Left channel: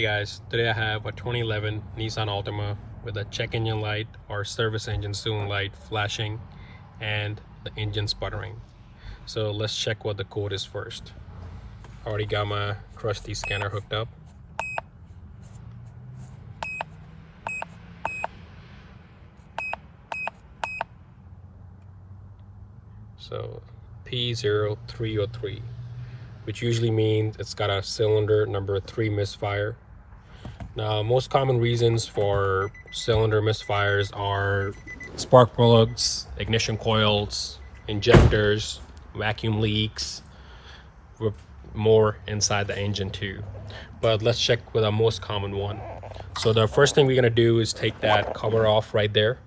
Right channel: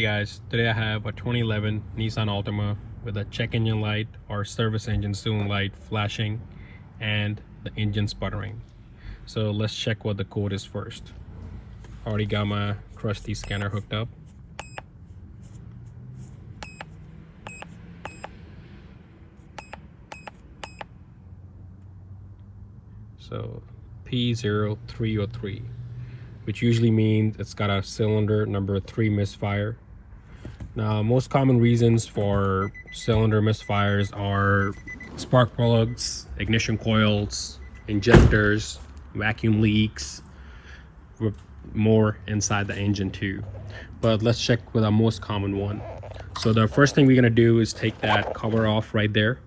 Hey guys, today I have a 2011 Nissan Altima with a check engine light or service engine soon light flashing and the engine sputtering. So let's check what the code is first. Already got my trusty scanner hooked up. So p0303, which usually means it's got a cylinder number 3 misfire. Now, most common reasons for cylinder misfires are spark plugs, ignition coils, injectors, vacuum leaks, with more inside the engine too. But let's check with the most common one. So the first thing we're gonna do is take that cover off right there.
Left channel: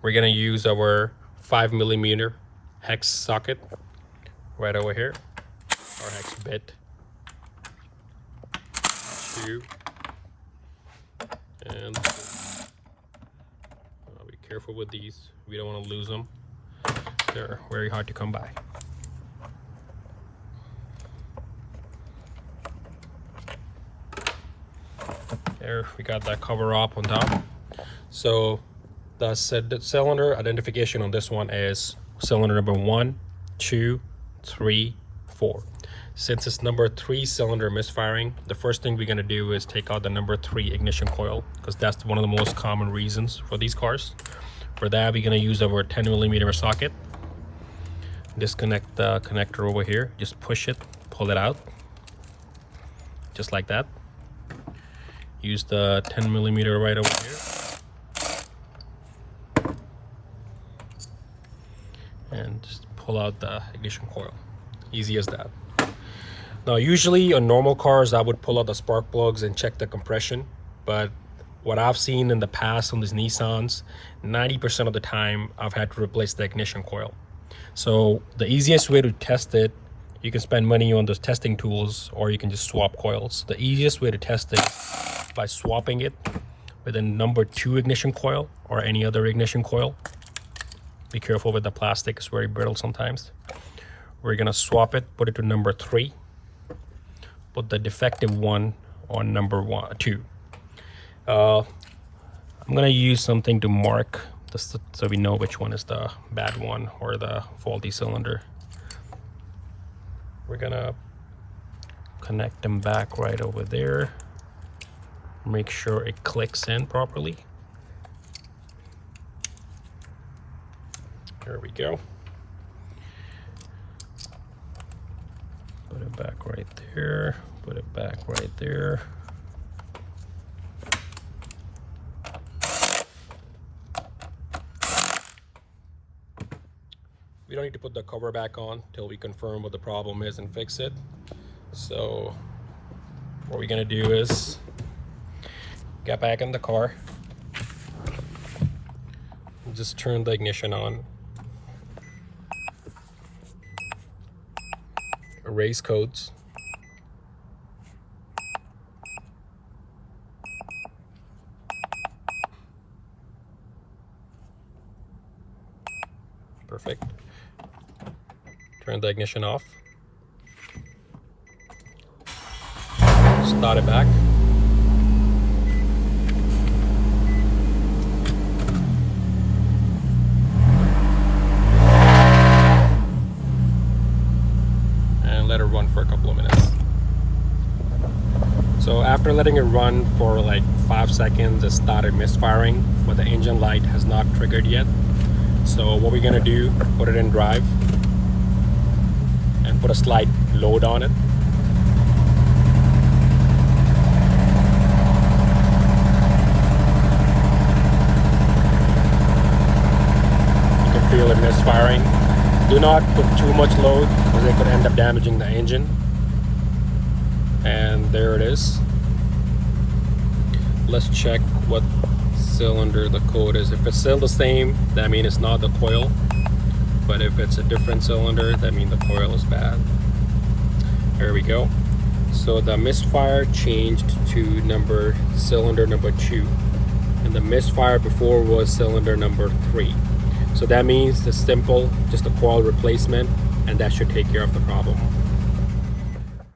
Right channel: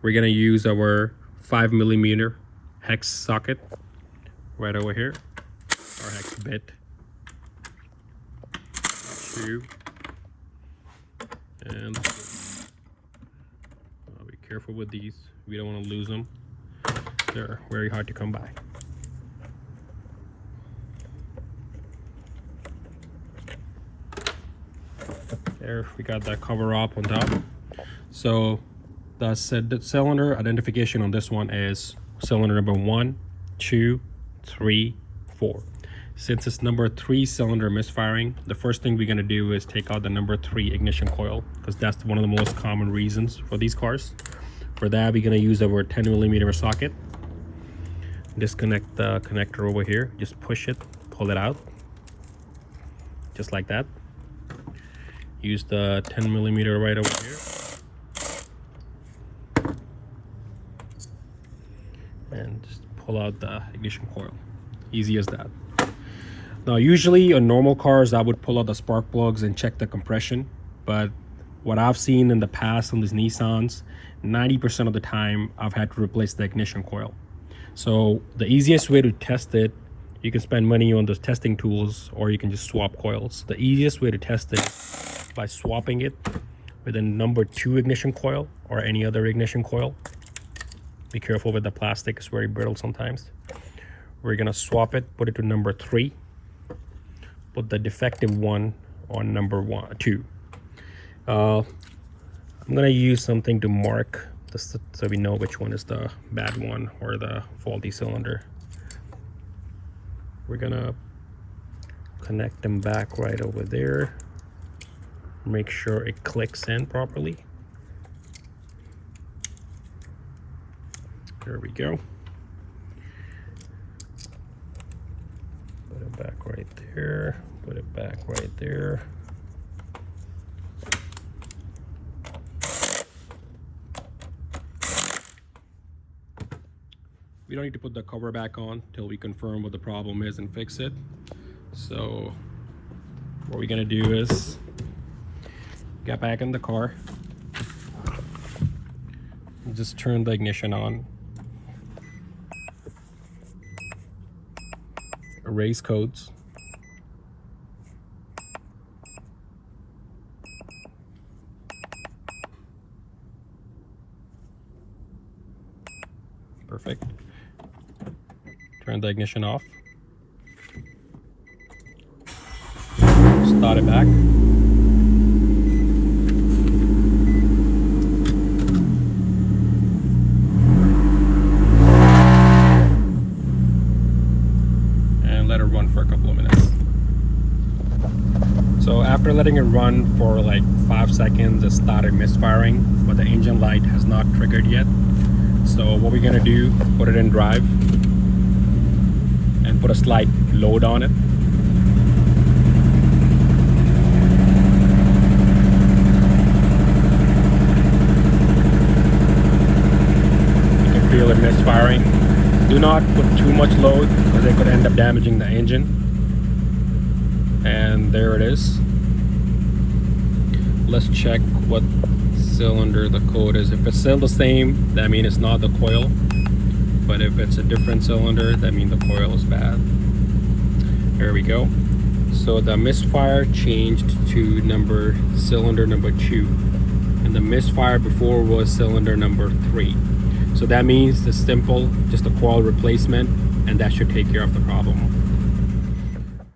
We're gonna use our 5mm hex socket right over here, or hex bit. Two. And be careful with these, we don't want to lose them, they're very hard to come by. There, we got that cover up on top. So the cylinder identification on this one is cylinder number 1, 2, 3, 4. Since it's number 3 cylinder misfiring, the first thing we're going to do is take out the number 3 ignition coil, because that's one of the most common reasons for these cars. For that, we're going to use our 10mm socket. Disconnect the connector over here, just push it, pull it out, just like that. Use the 10mm right over here, and just pull out the ignition coil. Easy as that. Now, usually on normal cars, I would pull out the spark plugs and check the compression, but what I've seen in the past on these Nissans, 90% of the time I've had to replace the ignition coil. So the easiest way to test it, you can spend money on those testing tools, or you can just swap coils. The easiest way to test it is by swapping it with a number 2 ignition coil or any other ignition coil. Be careful with the plastic, it's very brittle sometimes. We're gonna swap it, put it to number 3. Put the defective one on number 2. I'm gonna use something to mark this so we know which one is the bad one or the faulty cylinder. We're gonna connect them back right over there. Make sure it clicks in properly. There we go. Put it back right there. Put it back right there. We don't need to put the cover back on till we confirm what the problem is and fix it. So what we're gonna do is get back in the car, just turn the ignition on, erase codes, perfect. Turn the ignition off, start it back. And let it run for a couple of minutes. So after letting it run for like 5 seconds, it started misfiring, but the engine light has not triggered yet. So what we're gonna do, put it in drive and put a slight load on it. You can feel it misfiring. Do not put too much load, because you're gonna end up damaging the engine. And there it is. Let's check what cylinder the code is. If it's still the same, that means it's not the coil. But if it's a different cylinder, that means the coil is bad. There we go. So the misfire changed to cylinder number 2. And the misfire before was cylinder number 3. So that means it's simple, just a coil replacement, and that should take care of the problem.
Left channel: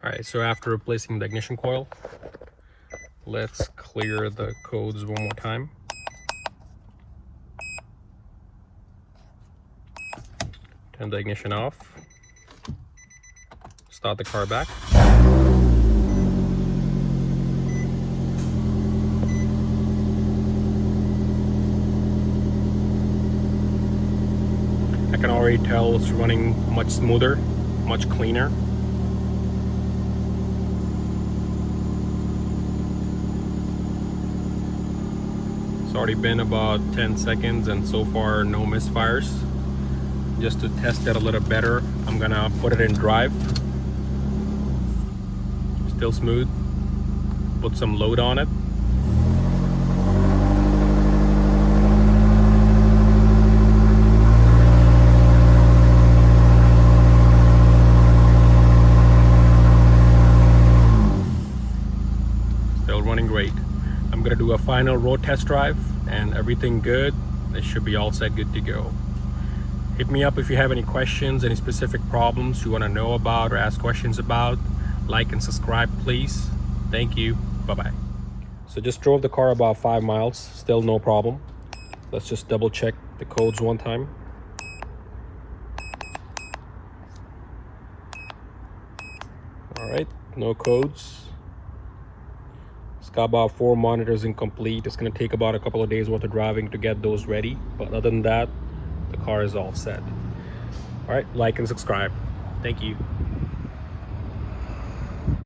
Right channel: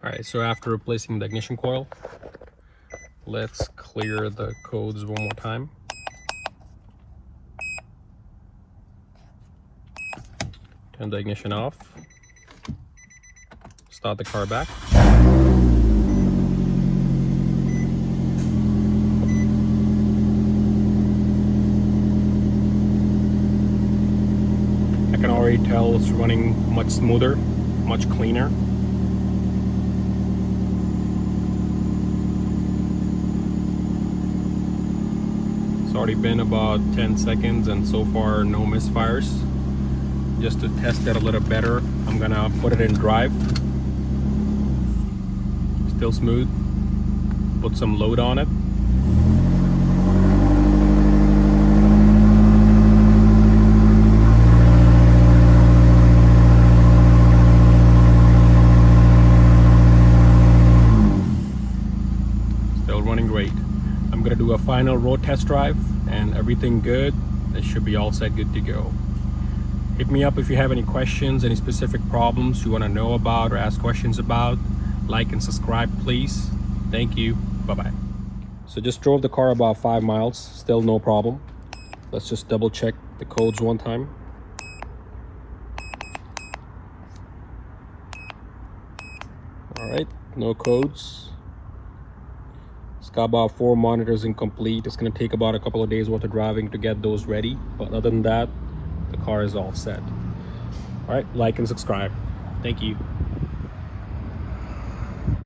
Alright, so after replacing the ignition coil, Let's clear the codes one more time. Turn the ignition off. Start the car back. I can already tell it's running much smoother, much cleaner. It's already been about 10 seconds and so far no misfires. Just to test it a little better, I'm gonna put it in drive. Still smooth. Put some load on it. Still running great. I'm gonna do a final road test drive and everything good. It should be all set, good to go. Hit me up if you have any questions, any specific problems you want to know about or ask questions about. Like and subscribe, please. Thank you. Bye-bye. So just drove the car about 5 miles, still no problem. Let's just double check the codes one time. Alright, no codes. It's got about 4 monitors incomplete. It's going to take about a couple of days worth of driving to get those ready. But other than that, the car is all set. Alright, like and subscribe. Thank you.